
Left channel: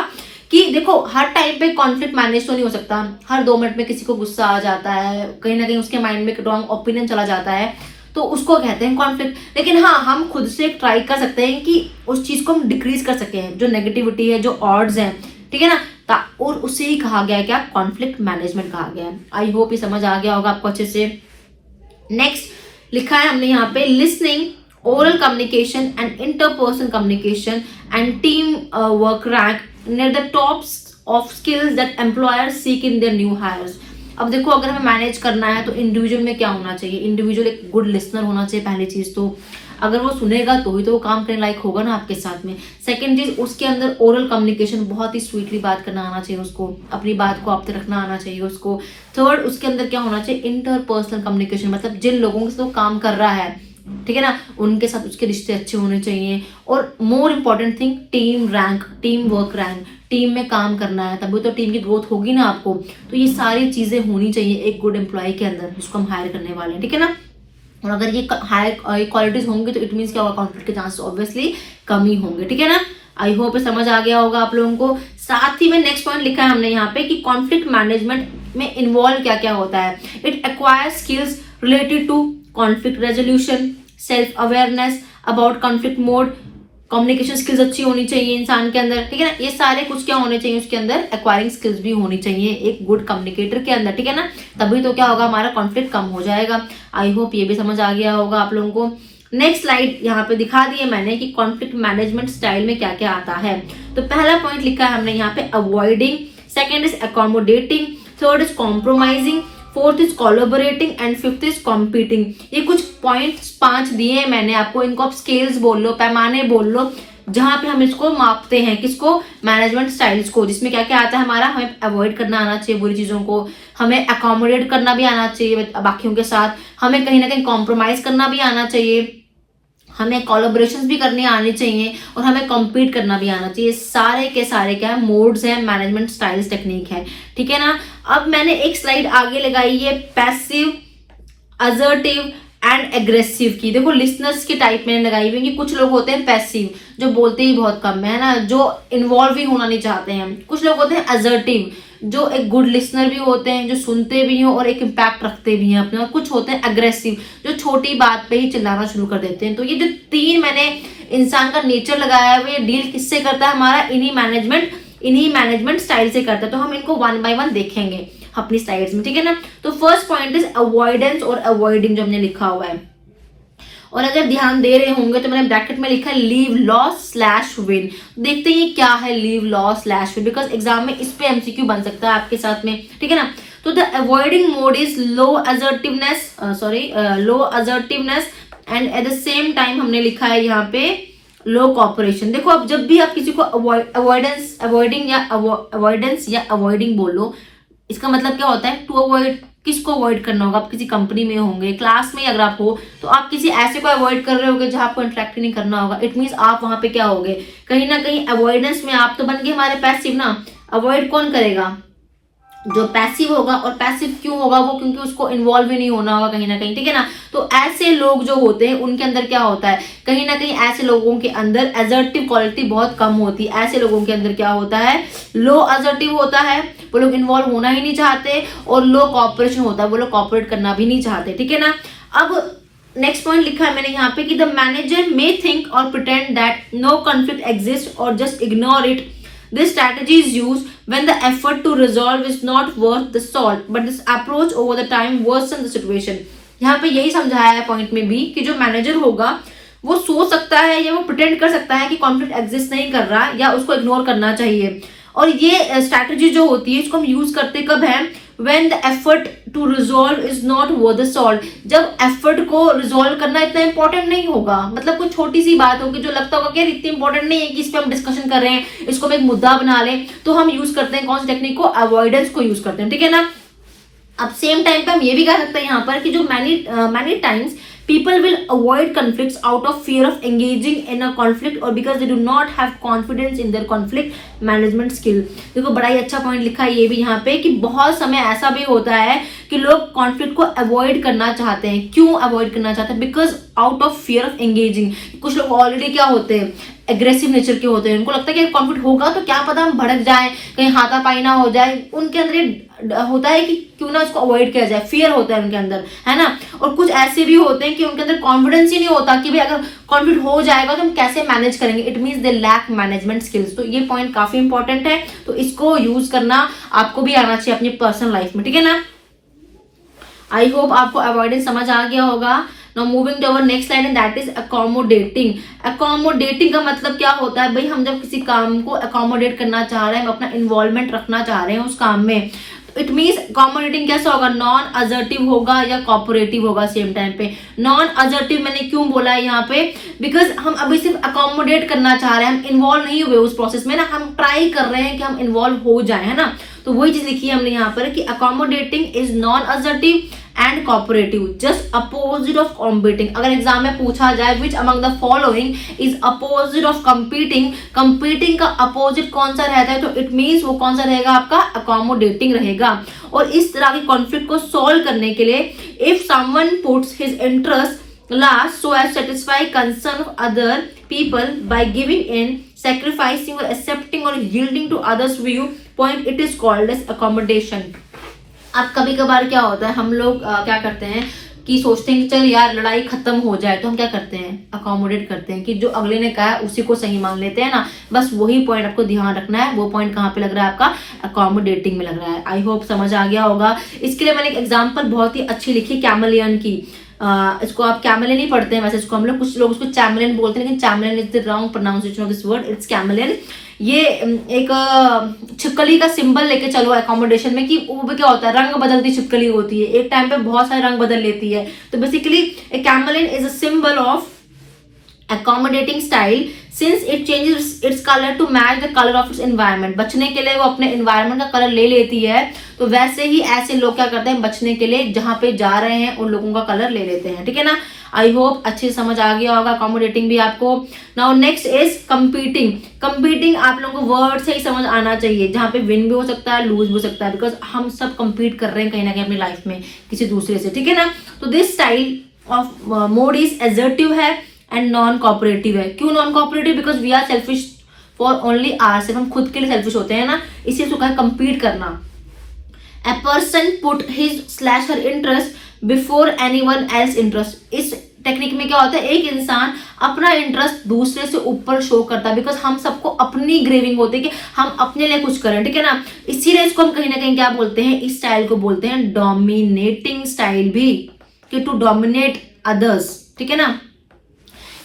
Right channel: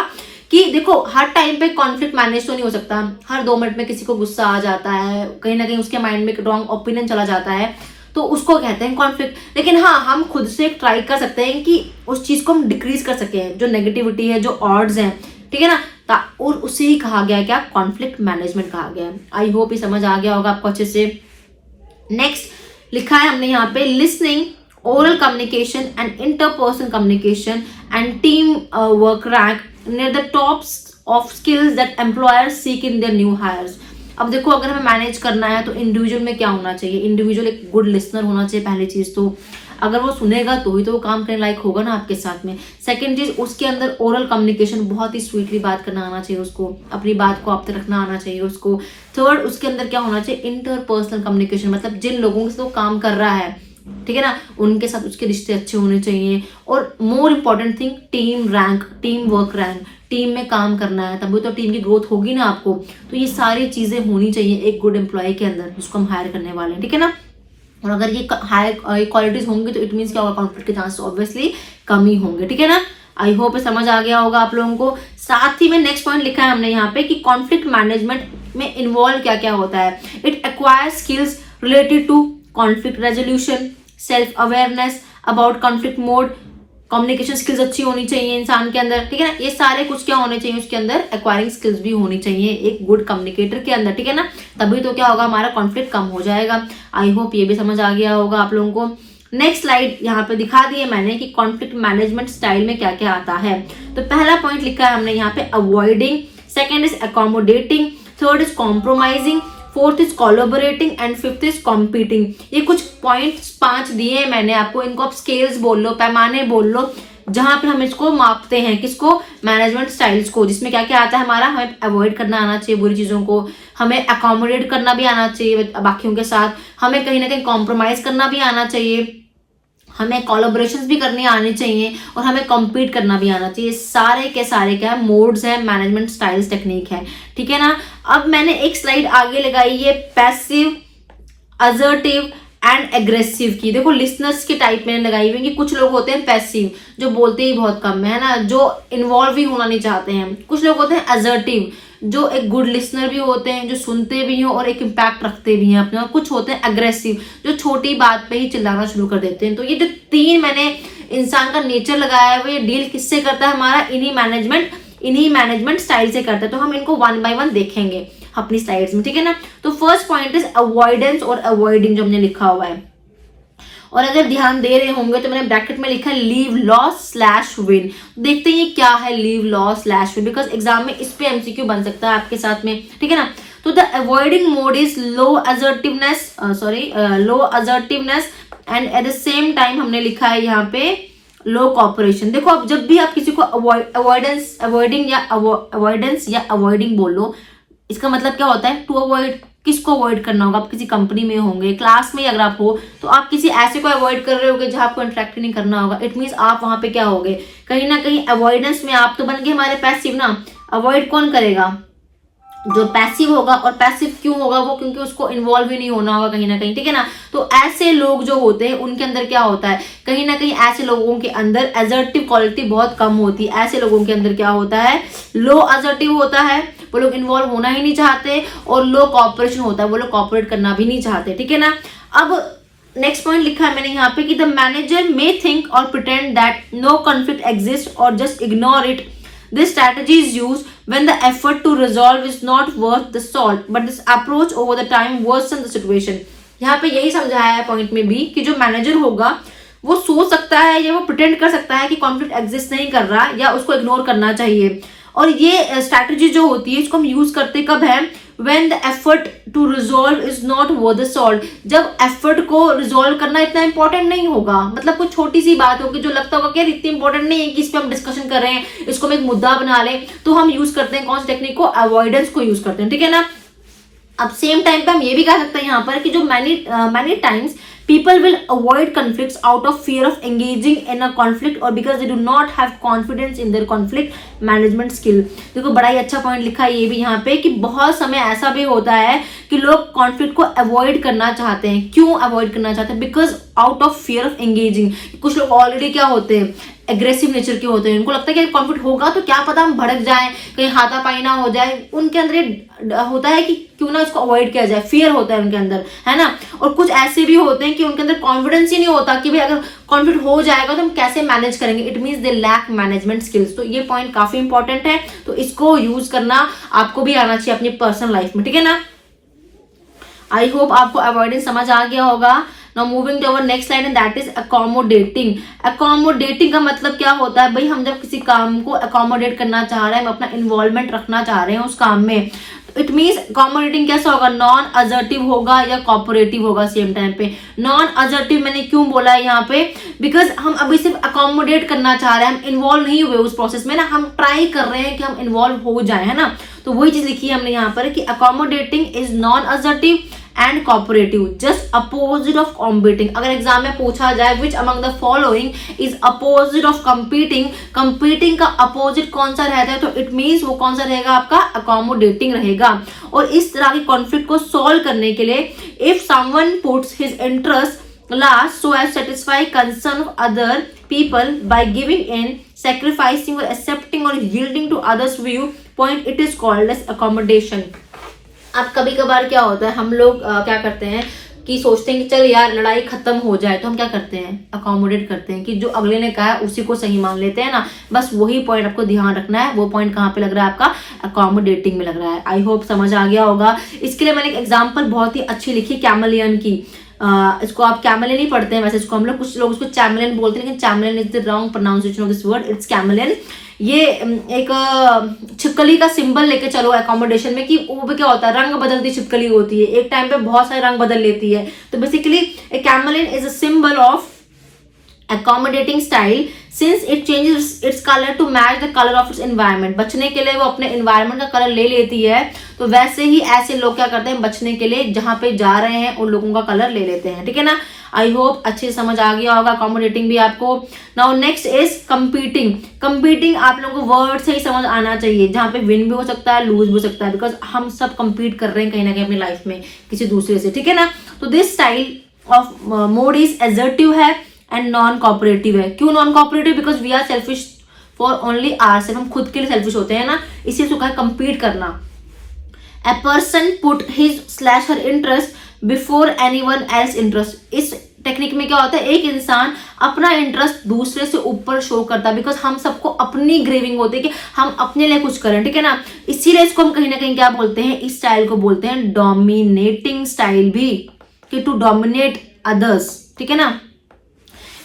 कि देखो हर टाइम पे कॉन्फ्लिक्ट मैनेज तो नहीं हो सकता, हर 2 मिनट में किसी को गुस्सा आ जाता है, कहीं ना कहीं उसके माइंड में रॉन्ग ओपिनियन चला जाता है, तो उसको कहते हैं कॉन्फ्लिक्ट। लेकिन हाँ, हम खुद से ट्राई कर सकते हैं कि उस चीज को हम डिक्रीज कर सके, जो नेगेटिविटी है, जो ऑड्स हैं, ठीक है ना, और उसे ही कहा गया है क्या, कॉन्फ्लिक्ट मैनेजमेंट कहा गया है। आई होप ये समझ आ गया होगा आपको अच्छे से। नेक्स्ट लिखा है हमने यहाँ पे listening, oral communication and interpersonal communication and team work rank near the tops of skills that employers seek in their new hires। अब देखो अगर हमें मैनेज करना है तो इंडिविजुअल में क्या होना चाहिए, इंडिविजुअल एक गुड लिसनर होना चाहिए पहली चीज। तो अगर वो सुनेगा तो ही तो वो काम करने लायक होगा ना आपके साथ में। सेकंड चीज, उसके अंदर ओरल कम्युनिकेशन, बहुत ही स्वीटली बात करना आना चाहिए उसको, अपनी बात को आप तक रखना आना चाहिए उसको। थर्ड, उसके अंदर क्या होना चाहिए, इंटरपर्सनल कम्युनिकेशन, मतलब जिन लोगों के साथ वो काम कर रहा है, ठीक है ना, उनके साथ उसके रिश्ते अच्छे होने चाहिए। और more important thing, team rank, team work rank, team में काम करना है तभी तो टीम की ग्रोथ होगी ना आपको। तो ये सारी चीजें होनी चाहिए एक गुड एम्प्लॉय के अंदर जिसको हम हायर करने वाले हैं, ठीक है ना। और अगर ये हायर क्वालिटीज होंगी तो इट मीन्स क्या होगा, कॉन्फ्लिक्ट के चांसेस ऑब्वियसली कम ही होंगे, ठीक है ना। आई होप समझ आ गया होगा आप लोगों को। साथ ही में नेक्स्ट पॉइंट लिखा है हमने यहाँ पे कि कॉन्फ्लिक्ट मैनेजमेंट में इन्वॉल्व क्या क्या होता है। It acquires skills related to conflict resolution, self awareness about conflict mode, communication skills अच्छी होनी चाहिए इंसान के अंदर, ठीक है ना। ये सारे कुछ क्या होने चाहिए उसके अंदर, एक्वायरिंग स्किल्स भी होनी चाहिए एक गुड कम्युनिकेटर के अंदर, ठीक है ना। तभी तो क्या होगा, हमारा कॉन्फ्लिक्ट कम हो जाएगा। आई होप ये भी समझ आ गया होगा आप लोगों को। नेक्स्ट स्लाइड यहाँ पे दिखा दी है मैंने कि कॉन्फ्लिक्ट मैनेजमेंट स्टाइल में क्या क्या आता है। तो पहला पॉइंट लिखा है हमने यहाँ पे avoiding, second is accommodating, third is compromising, fourth is collaborating and fifth is competing. ये कुछ पॉइंट्स 5 दिए हैं मैंने आपको, इनको आप स्केल्स बोल लो, पैमाने बोल लो, जहां पे हम इसको मापते हैं, किसको, मैनेजमेंट स्टाइल्स को, जिसमें क्या क्या आता है हमारा, हमें अवॉइड करना आना चाहिए बुरी चीजों को, हमें अकोमोडेट करना भी आना चाहिए बाकियों के साथ, हमें कहीं ना कहीं कॉम्प्रोमाइज करना भी आना चाहिए, हमें कोलैबोरेशंस भी करनी आनी चाहिए और हमें कम्पीट करना भी आना चाहिए। सारे के सारे क्या है, मोड्स है, मैनेजमेंट स्टाइल्स टेक्निक है, ठीक है ना। अब मैंने एक स्लाइड आगे लगाई है पैसिव, असर्टिव एंड एग्रेसिव की। देखो लिसनर्स की टाइप मैंने लगाई हुई है कि कुछ लोग होते हैं पैसिव, जो बोलते ही बहुत कम है ना, जो इन्वॉल्व ही होना नहीं चाहते हैं। कुछ लोग होते हैं असर्टिव, जो एक गुड लिसनर भी होते हैं, जो सुनते भी हैं और एक इम्पैक्ट रखते भी हैं अपने। और कुछ होते हैं अग्रेसिव, जो छोटी बात पे ही चिल्लाना शुरू कर देते हैं। तो ये जो 3 मैंने इंसान का नेचर लगाया है, वो ये डील किससे करता है, हमारा इन्हीं मैनेजमेंट स्टाइल से करता है। तो हम इनको 1 बाय 1 देखेंगे अपनी स्लाइड्स में, ठीक है ना। तो फर्स्ट पॉइंट इज अवॉइडेंस और अवॉइडिंग, जो हमने लिखा हुआ है। और अगर ध्यान दे रहे होंगे तो मैंने ब्रैकेट में लिखा है लीव लॉस/विन। देखते हैं ये क्या है लीव लॉस/विन, बिकॉज एग्जाम में इस पे एमसीक्यू बन सकता है आपके साथ में, ठीक है ना। तो the avoiding mode is low assertiveness and at the same time हमने लिखा है यहाँ पे लो कॉपरेशन। देखो अब जब भी आप किसी को अवॉइडेंस या अवॉइडिंग बोलो, इसका मतलब क्या होता है, टू अवॉइड, किसको अवॉइड करना होगा। आप किसी कंपनी में होंगे, क्लास में अगर आप हो तो आप किसी ऐसे को अवॉइड कर रहे होगे जहां आपको इंटरेक्ट नहीं करना होगा। इट मींस आप वहां पे क्या होगे, कहीं ना कहीं अवॉइडेंस में आप तो बन गए हमारे पैसिव ना। अवॉइड कौन करेगा, जो पैसिव होगा। और पैसिव क्यों होगा वो, क्योंकि उसको इन्वॉल्व ही नहीं होना होगा कहीं ना कहीं, ठीक है ना। तो ऐसे लोग जो होते हैं उनके अंदर क्या होता है, कहीं ना कहीं ऐसे लोगों के अंदर असर्टिव क्वालिटी बहुत कम होती है। ऐसे लोगों के अंदर क्या होता है, लो असर्टिव होता है, वो लोग इन्वॉल्व होना ही नहीं चाहते, और लो कॉपरेशन होता है, वो लोग कॉपरेट करना भी नहीं चाहते, ठीक है ना। अब नेक्स्ट पॉइंट लिखा है मैंने यहाँ पे कि द मैनेजर मे थिंक और pretend that no conflict exist और just ignore it. This strategy is used when the effort to resolve is not worth the salt, but this approach over the time worsens the situation. यहाँ पे यही समझाया है point में भी कि जो मैनेजर होगा वो सोच सकता है या वो प्रिटेंड कर सकता है कि कॉन्फ्लिक्ट एग्जिस्ट नहीं कर रहा या उसको इग्नोर करना चाहिए। और ये स्ट्रैटेजी जो होती है इसको हम यूज करते कब है, when the effort to resolve is not worth the salt. जब एफर्ट को रिजोल्व करना इतना इंपॉर्टेंट नहीं होगा, मतलब कोई छोटी सी बात होगी जो लगता होगा कि यार इतनी इंपॉर्टेंट नहीं है कि इस पे हम डिस्कशन कर रहे हैं, इसको हम एक मुद्दा बना लें, तो हम यूज करते हैं कौन सी टेक्निक को, अवॉइडेंस को यूज करते हैं, ठीक है ना। अब सेम टाइम पे हम ये भी कह सकते हैं यहाँ पर कि जो many times people will avoid conflicts out of fear of engaging in a conflict or because they do not have confidence in their conflict management skill. देखो बड़ा ही अच्छा पॉइंट लिखा है ये भी यहाँ पे कि बहुत समय ऐसा भी होता है कि लोग कॉन्फ्लिक्ट को अवॉइड करना चाहते हैं। क्यों अवॉइड करना चाहते हैं, because out of fear of engaging. कुछ लोग ऑलरेडी क्या होते हैं, एग्रेसिव नेचर के होते हैं, उनको लगता है कि कॉन्फ्लिक्ट होगा तो क्या पता हम भड़क जाएं, कहीं हाथापाई ना हो जाए। उनके अंदर ये होता है कि क्यों ना इसको अवॉइड किया जाए, फियर होता है उनके अंदर, है ना। और कुछ ऐसे भी होते हैं कि उनके अंदर कॉन्फिडेंस ही नहीं होता कि भाई अगर कॉन्फ्लिक्ट हो जाएगा तो हम कैसे मैनेज करेंगे। It means they lack management skills. तो ये पॉइंट काफी इंपॉर्टेंट है, तो इसको यूज करना आपको भी आना चाहिए अपनी पर्सनल लाइफ में, ठीक है ना। आई होप आपको अवॉइडेंस समझ आ गया होगा। Now moving to our next slide and that is accommodating. Accommodating का मतलब क्या होता है भाई, हम जब किसी काम को accommodate करना चाह रहे हैं, हम अपना involvement रखना चाह रहे हैं उस काम में, इट मीन्स accommodating कैसा होगा, नॉन असर्टिव होगा या कोऑपरेटिव होगा सेम टाइम पे। नॉन असर्टिव मैंने क्यों बोला है यहाँ पे, बिकॉज हम अभी सिर्फ अकोमोडेट करना चाह रहे हैं, हम इन्वॉल्व नहीं हुए उस प्रोसेस में ना, हम ट्राई कर रहे हैं कि हम इन्वॉल्व हो जाए, है ना। तो वही चीज लिखी है हमने यहाँ पर कि accommodating is non assertive and cooperative, just opposite of competing. अगर एग्जाम में पूछा जाए which among the following is opposite of competing, competing का अपोजिट कौन सा रहता है, तो इट मीन्स वो कौन सा रहेगा, आपका अकोमोडेटिंग रहेगा। और इस तरह के कॉन्फ्लिक्ट को सॉल्व करने के लिए if someone puts his interest last so as satisfy concern of other people by giving in, sacrificing or accepting or yielding to others view point, it is called as accommodation. अब कभी कभार क्या होता है, हम लोग क्या करते हैं कि सोचते हैं कि चल यार लड़ाई खत्म हो जाए, तो हम क्या करते हैं, अकोमोडेट करते हैं कि जो अगले ने कहा है उसी को सही मान लेते हैं ना। बस वही पॉइंट आपको ध्यान रखना है, वो पॉइंट कहाँ पे लग रहा है आपका, अकोमोडेटिंग में लग रहा है। आई होप समझ आ गया होगा। इसके लिए मैंने एक एग्जाम्पल बहुत ही अच्छी लिखी कैमलियन की। इसको आप कैमलियन ही पढ़ते हैं वैसे, इसको हम लोग, कुछ लोग इसको चैमलियन बोलते हैं, लेकिन chameleon is the wrong pronunciation of this word, it's chameleon. ये एक छिपकली का सिंबल लेके चलो अकोमोडेशन में, कि वो भी क्या होता है, रंग बदलती छिपकली होती है, एक टाइम पे बहुत सारे रंग बदल लेती है। तो basically a chameleon is a symbol of accommodating style since it changes its color to match the color of its environment। बचने के लिए वो अपने environment का कलर ले लेती है, तो वैसे ही ऐसे लोग क्या करते हैं, बचने के लिए जहां पे जा रहे हैं उन लोगों का कलर ले लेते हैं। ठीक है ना। आई होप अच्छे से समझ आ गया होगा अकोमोडेटिंग भी आपको। Now next is competing. Competing आप लोगों को वर्ड से ही समझ आना चाहिए, जहां पे विन भी हो सकता है, लूज भी हो सकता है, बिकॉज हम सब कंपीट कर रहे हैं कहीं ना कहीं अपनी लाइफ में किसी दूसरे से। ठीक है ना। तो this style of mode is assertive है एंड नॉन कोऑपरेटिव है। क्यों non cooperative? Because we are selfish for only ourselves, हम खुद के लिए सेल्फिश होते हैं ना, इसी से कहा कंपीट करना। A person put his slash her interest before anyone else interest. इस टेक्निक में क्या होता है, एक इंसान अपना इंटरेस्ट दूसरे से ऊपर शो करता है, बिकॉज हम सबको अपनी ग्रेविंग होती है कि हम अपने लिए कुछ करें। ठीक है ना। इसीलिए इसको हम कहीं ना कहीं क्या बोलते हैं, इस स्टाइल को बोलते हैं डोमिनेटिंग स्टाइल भी, कि टू डोमिनेट अदर्स। ठीक है ना।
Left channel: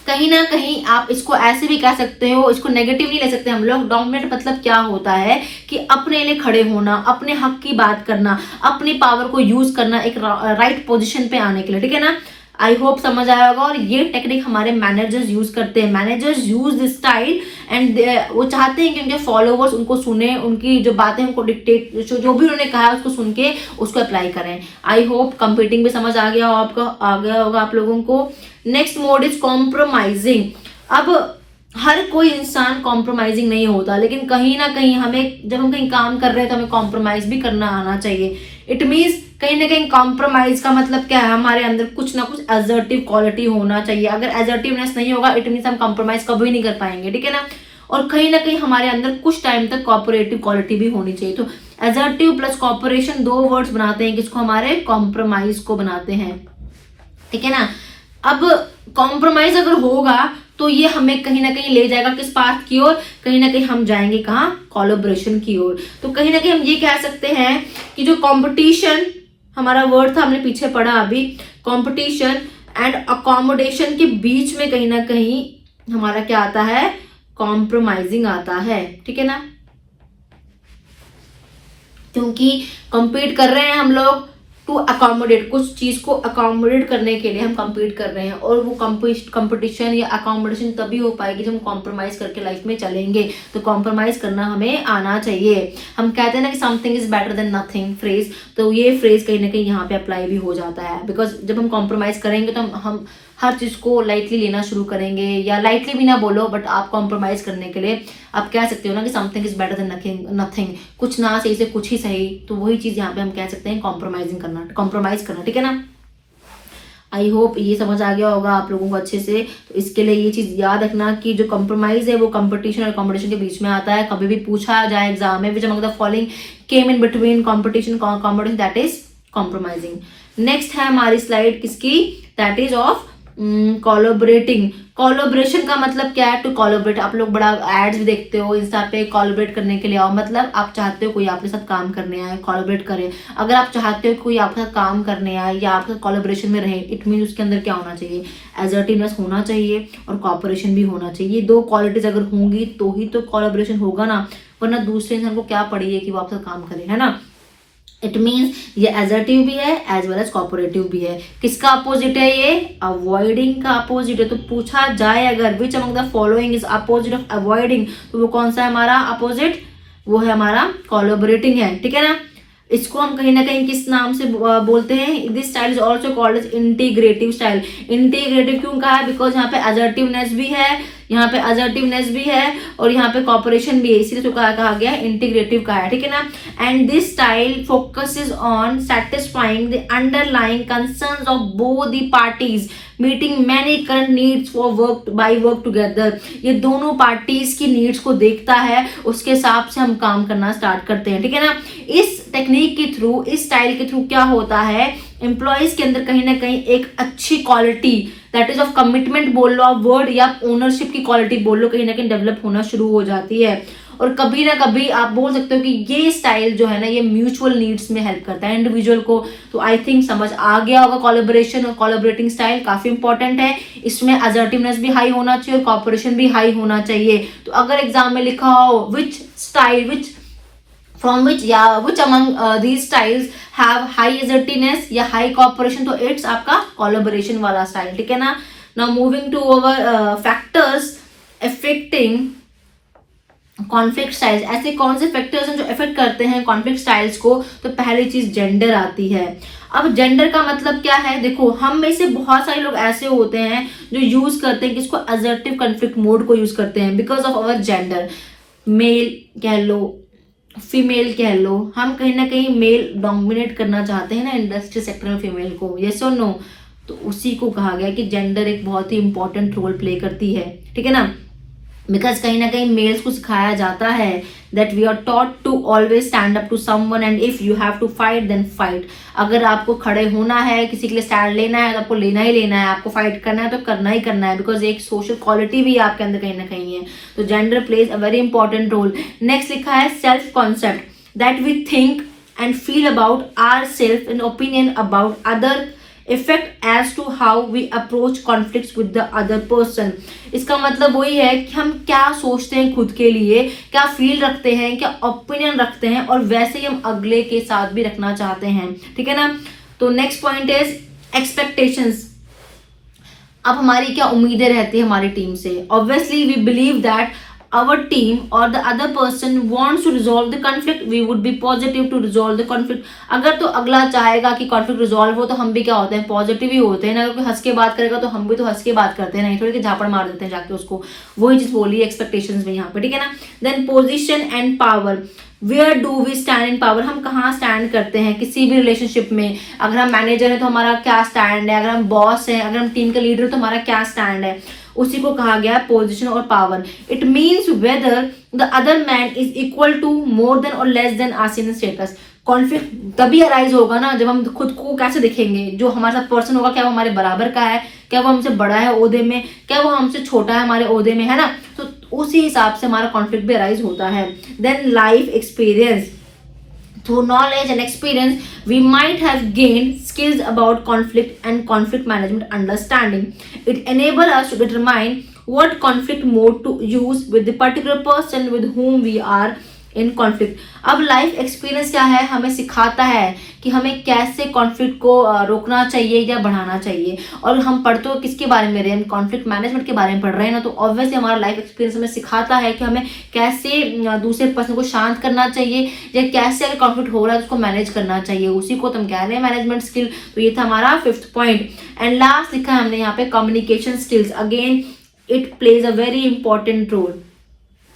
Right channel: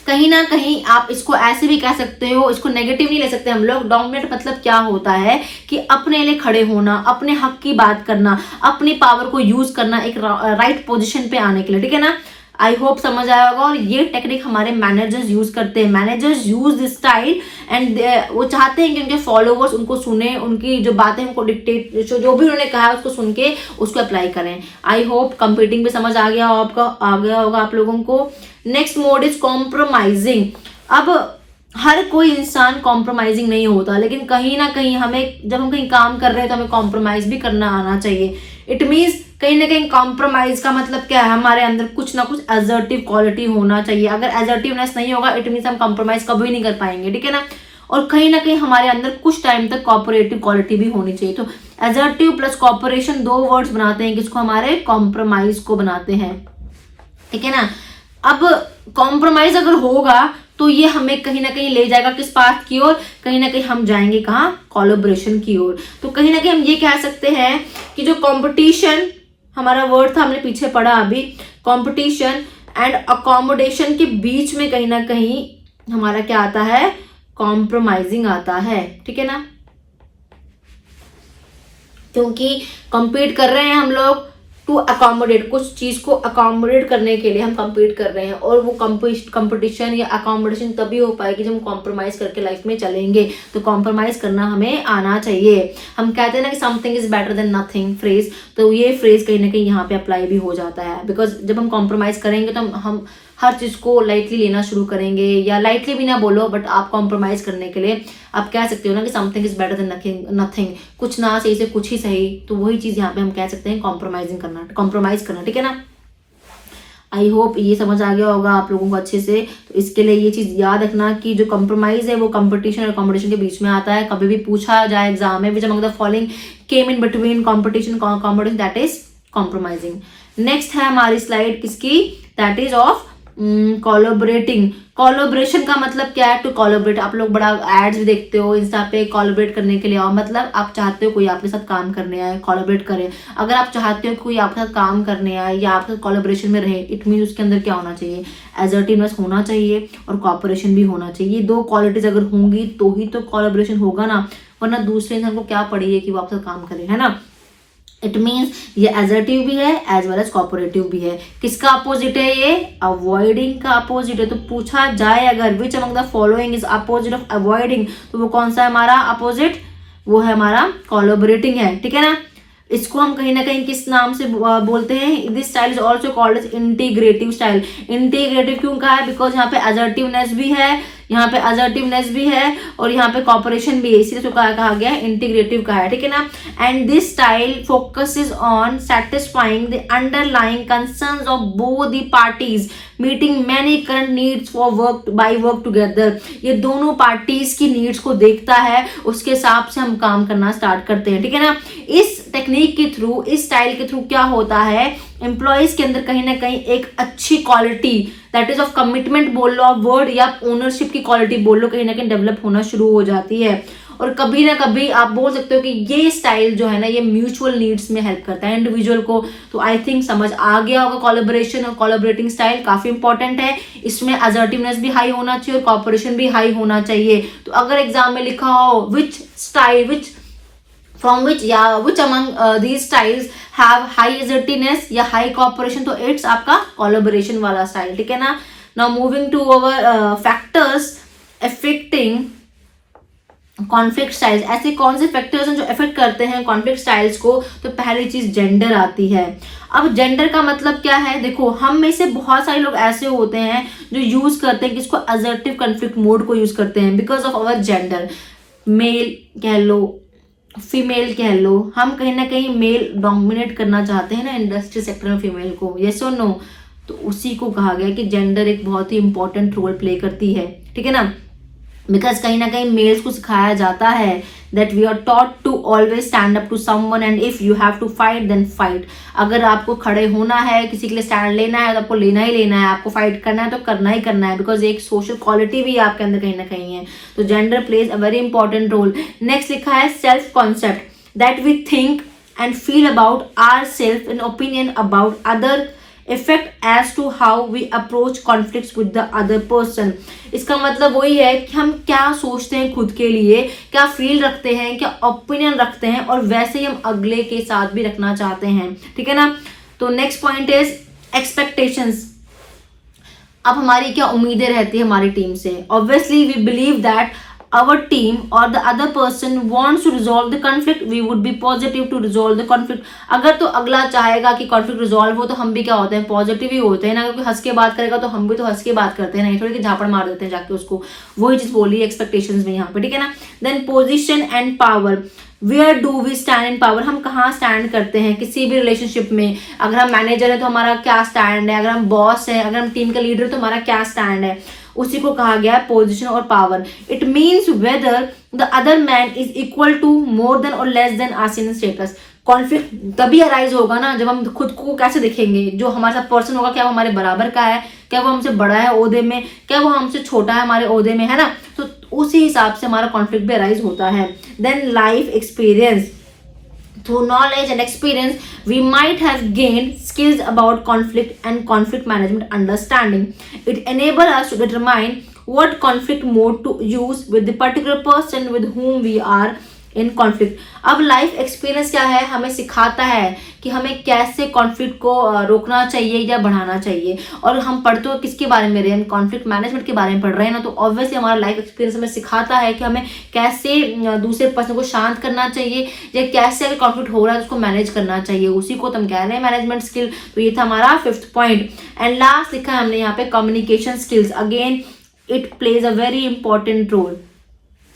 कहीं ना कहीं आप इसको ऐसे भी कह सकते हो, इसको नेगेटिव नहीं ले सकते हम लोग। डोमिनेट मतलब क्या होता है कि अपने लिए खड़े होना, अपने हक की बात करना, अपनी पावर को यूज करना एक राइट पोजीशन पे आने के लिए। ठीक है ना। आई होप समझ आया होगा। और ये टेक्निक हमारे मैनेजर्स यूज करते हैं। Managers use this style and वो चाहते हैं कि उनके फॉलोवर्स उनको सुने, उनकी जो बातें उनको डिक्टेट, जो भी उन्होंने कहा उसको सुन के उसको अप्लाई करें। आई होप कंपीटिंग भी समझ आ गया होगा आप लोगों को। Next mode is compromising. अब हर कोई इंसान कॉम्प्रोमाइजिंग नहीं होता, लेकिन कहीं ना कहीं हमें, जब हम कहीं काम कर रहे हैं तो हमें कॉम्प्रोमाइज भी करना आना चाहिए। इट मीन्स कहीं ना कहीं कॉम्प्रोमाइज का मतलब क्या है, हमारे अंदर कुछ ना कुछ असर्टिव क्वालिटी होना चाहिए। अगर असर्टिवनेस नहीं होगा, इट मीन्स हम कॉम्प्रोमाइज कभी नहीं कर पाएंगे। ठीक है ना। और कहीं ना कहीं हमारे अंदर कुछ टाइम तक कोऑपरेटिव क्वालिटी भी होनी चाहिए। तो असर्टिव प्लस कोऑपरेशन दो वर्ड्स बनाते हैं किसको, हमारे कॉम्प्रोमाइज को बनाते हैं। ठीक है ना। अब कॉम्प्रोमाइज अगर होगा तो ये हमें कहीं ना कहीं ले जाएगा किस पाथ की ओर, कहीं ना कहीं हम जाएंगे कहाँ, कोलैबोरेशन की ओर। तो कहीं ना कहीं हम ये कह सकते हैं कि जो कंपटीशन हमारा वर्ड था, हमने पीछे पढ़ा अभी, कंपटीशन एंड अकोमोडेशन के बीच में कहीं ना कहीं हमारा क्या आता है, कॉम्प्रोमाइजिंग आता है। ठीक है ना। क्योंकि कंपीट कर रहे हैं हम लोग टू अकोमोडेट, कुछ चीज को अकोमोडेट करने के लिए हम कंपीट कर रहे हैं, और वो कंपटीशन या अकोमोडेशन तभी हो पाएगी जब हम कॉम्प्रोमाइज करके लाइफ में चलेंगे। तो कॉम्प्रोमाइज करना हमें आना चाहिए। हम कहते हैं ना कि something is better than nothing phrase, तो ये फ्रेज कहीं ना कहीं यहाँ पे अप्लाई भी हो जाता है। बिकॉज जब हम कॉम्प्रोमाइज करेंगे तो हम हर चीज को लाइटली लेना शुरू करेंगे, या लाइटली भी ना बोलो, बट आप कॉम्प्रोमाइज करने के लिए आप कह सकते हो ना कि something is better than nothing, कुछ ना सही से कुछ ही सही। तो वही चीज यहाँ पे हम कह सकते हैं कॉम्प्रोमाइजिंग करना, कॉम्प्रोमाइज करना। ठीक है ना। आई होप ये समझ आ गया होगा आप लोगों को अच्छे से। तो इसके लिए ये चीज याद रखना कि जो कंप्रोमाइज है वो कंपटीशन और कॉम्पिटिशन के बीच में आता है। कभी भी पूछा जाए एग्जाम में, which among the following came in between competition competition, that is compromising. Next है हमारी स्लाइड किसकी, that is of collaborating. Collaboration का मतलब क्या है, टू कोलैबोरेट। आप लोग बड़ा एड्स भी देखते हो इंस्टा पे, कोलैबोरेट करने के लिए आओ, मतलब आप चाहते हो कोई आपके साथ काम करने आए, कोलैबोरेट करे। अगर आप चाहते हो कोई आपके साथ काम करने आए या आपके साथ कोलैबोरेशन में रहे, इट मीन उसके अंदर क्या होना चाहिए, असर्टिवनेस होना चाहिए और कोऑपरेशन भी होना चाहिए। दो क्वालिटीज अगर होंगी तो ही तो कोलैबोरेशन होगा ना, वरना दूसरे इंसान को क्या पड़ी है कि वो आपके साथ काम करे, है ना। इट मीन्स ये असर्टिव भी है एज वेल एज कोऑपरेटिव भी है। किसका अपोजिट है ये, अवॉइडिंग का अपोजिट है। तो पूछा जाए अगर which among the following is opposite of avoiding, तो वो कौन सा है हमारा अपोजिट, वो है हमारा कोलैबोरेटिंग है। ठीक है ना। इसको हम कहीं ना कहीं किस नाम से बोलते हैं, this style is also called as integrative style. Integrative क्यों कहा है, बिकॉज यहाँ पे असर्टिवनेस भी है, यहाँ पे असर्टिवनेस भी है और यहाँ पे कॉपरेशन भी है, इसलिए तो कहा गया इंटीग्रेटिव का है, ठीक है ना। And this style focuses on satisfying the underlying concerns of both the parties meeting many current needs for work together. ये दोनों पार्टीज की नीड्स को देखता है, उसके हिसाब से हम काम करना स्टार्ट करते हैं, ठीक है ना। इस टेक्निक के थ्रू, इस स्टाइल के थ्रू क्या होता है, एम्प्लॉयज के अंदर कहीं ना कहीं एक अच्छी quality that is of commitment बोल लो, आप वर्ड या ओनरशिप की क्वालिटी बोल लो, कहीं ना कहीं डेवलप होना शुरू हो जाती है। और कभी ना कभी आप बोल सकते हो कि ये स्टाइल जो है ना, ये म्यूचुअल नीड्स में हेल्प करता है इंडिविजुअल को। तो आई थिंक समझ आ गया होगा, कोलैबोरेशन और कोलैबोरेटिंग स्टाइल काफी इंपॉर्टेंट है। इसमें असर्टिवनेस भी हाई होना चाहिए और कॉपरेशन भी हाई होना चाहिए। तो अगर एग्जाम में लिखा हो विच among these styles have high assertiveness या high cooperation, तो इट्स आपका collaboration वाला स्टाइल, ठीक है ना। Now moving to our factors affecting conflict styles. ऐसे कौन से फैक्टर्स हैं जो इफेक्ट करते हैं कॉन्फ्लिक्ट स्टाइल्स को? तो पहली चीज जेंडर आती है। अब जेंडर का मतलब क्या है, देखो हम में से बहुत सारे लोग ऐसे होते हैं जो यूज करते हैं किसको, असर्टिव कॉन्फ्लिक्ट मोड को यूज करते हैं because of our gender. Male कह लो, फीमेल कह लो, हम कहीं ना कहीं मेल डोमिनेट करना चाहते हैं ना इंडस्ट्री सेक्टर में फीमेल को, यस और नो। तो उसी को कहा गया कि जेंडर एक बहुत ही इंपॉर्टेंट रोल प्ले करती है, ठीक है ना। बिकॉज कहीं ना कहीं मेल्स को सिखाया जाता है that we are taught to always stand up to someone and if you have to fight then fight. अगर आपको खड़े होना है, किसी के लिए स्टैंड लेना है, तो आपको लेना ही लेना है, आपको फाइट करना है तो करना ही करना है, बिकॉज एक सोशल क्वालिटी भी आपके अंदर कहीं ना कहीं है। तो gender plays a very important role. Next लिखा है self concept that we think and feel about our self and opinion about other effect as to how we approach conflict with the other person. इसका मतलब वही है कि हम क्या सोचते हैं खुद के लिए, क्या फील रखते हैं, क्या ओपिनियन रखते हैं, और वैसे ही हम अगले के साथ भी रखना चाहते हैं, ठीक है ना। तो नेक्स्ट पॉइंट इज एक्सपेक्टेशंस। अब हमारी क्या उम्मीदें रहती है हमारी टीम से। Obviously we believe that our team or the other person wants to resolve the conflict, we would be positive to resolve the conflict। अगर तो अगला चाहेगा कि conflict resolve हो तो हम भी क्या होते हैं, पॉजिटिव ही होते हैं ना। क्योंकि हंस के बात करेगा तो हम भी तो हंस के बात करते हैं, नहीं थोड़ी कि झापड़ मार देते हैं जाके उसको। वही चीज बोली एक्सपेक्टेशंस में यहाँ पे, ठीक है ना। Then position and power, where do we stand in power. हम कहाँ स्टैंड करते हैं किसी भी रिलेशनशिप में। अगर हम मैनेजर है तो हमारा क्या स्टैंड है, अगर हम बॉस है, अगर हम टीम का लीडर है तो हमारा क्या स्टैंड है, उसी को कहा गया पोजीशन और power. It means whether the other man is equal to, more than और less than as in status. Conflict तभी अराइज होगा ना जब हम खुद को कैसे देखेंगे, जो हमारे साथ पर्सन होगा क्या वो हमारे बराबर का है, क्या वो हमसे बड़ा है ओहदे में, क्या वो हमसे छोटा है हमारे ओहदे में, है ना। तो उसी हिसाब से हमारा कॉन्फ्लिक्ट भी अराइज होता है। Then life experience, through knowledge and experience we might have gained skills about conflict and conflict management understanding. It enables us to determine what conflict mode to use with the particular person with whom we are in conflict. अब life experience क्या है, हमें सिखाता है कि हमें कैसे conflict को रोकना चाहिए या बढ़ाना चाहिए। और हम पढ़ तो किसके बारे में रहे, हम कॉन्फ्लिक्ट मैनेजमेंट के बारे में पढ़ रहे हैं ना। तो ऑब्वियसली हमारा लाइफ एक्सपीरियंस हमें सिखाता है कि हमें कैसे दूसरे पर्सन को शांत करना चाहिए या कैसे अगर कॉन्फ्लिक्ट हो रहा है तो उसको मैनेज करना चाहिए। उसी को तो हम कह रहे हैं मैनेजमेंट स्किल। तो ये था हमारा 5th पॉइंट। एंड लास्ट लिखा है हमने यहाँ पे communication skills. Again it plays a very important role.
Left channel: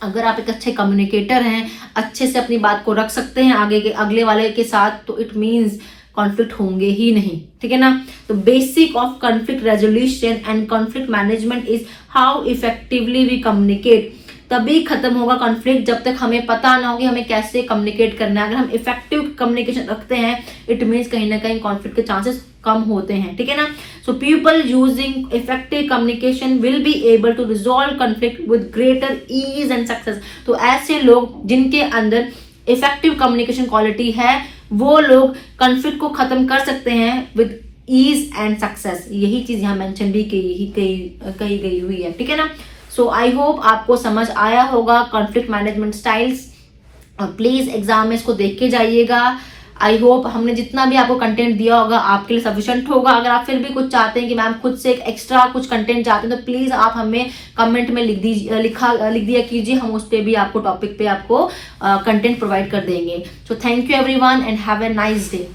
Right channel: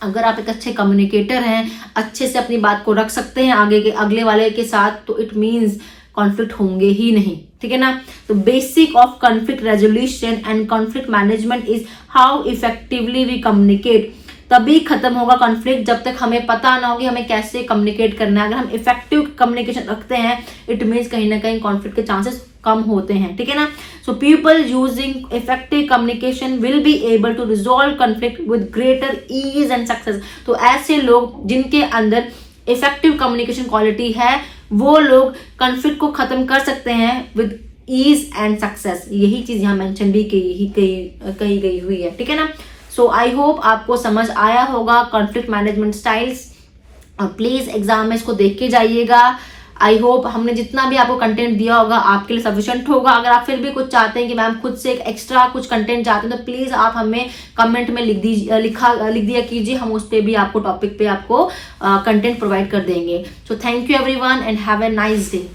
अगर आप एक अच्छे कम्युनिकेटर हैं, अच्छे से अपनी बात को रख सकते हैं अगले वाले के साथ, तो इट मीन्स कॉन्फ्लिक्ट होंगे ही नहीं, ठीक है ना। तो basic of conflict resolution and conflict management is how effectively we communicate. तभी खत्म होगा कॉन्फ्लिक्ट जब तक हमें पता ना हो कि हमें कैसे कम्युनिकेट करना है। अगर हम इफेक्टिव कम्युनिकेशन रखते हैं इट मीन्स कहीं ना कहीं कॉन्फ्लिक्ट के चांसेस कम होते हैं, ठीक है ना। So people using effective communication will be able to resolve conflict with greater ease and success. तो ऐसे लोग जिनके अंदर इफेक्टिव कम्युनिकेशन क्वालिटी है वो लोग कॉन्फ्लिक्ट को खत्म कर सकते हैं विद ईज एंड सक्सेस। यही चीज यहाँ मेंशन भी कही गई हुई है, ठीक है ना। सो आई होप आपको समझ आया होगा conflict management styles. Please exam में इसको देख के जाइएगा। आई होप हमने जितना भी आपको कंटेंट दिया होगा आपके लिए सफिशिएंट होगा। अगर आप फिर भी कुछ चाहते हैं कि मैम खुद से एक एक्स्ट्रा कुछ कंटेंट चाहते हैं तो प्लीज आप हमें कमेंट में लिख दिया कीजिए, हम उस पर भी आपको टॉपिक पे आपको कंटेंट प्रोवाइड कर देंगे। So thank you everyone and have a nice day.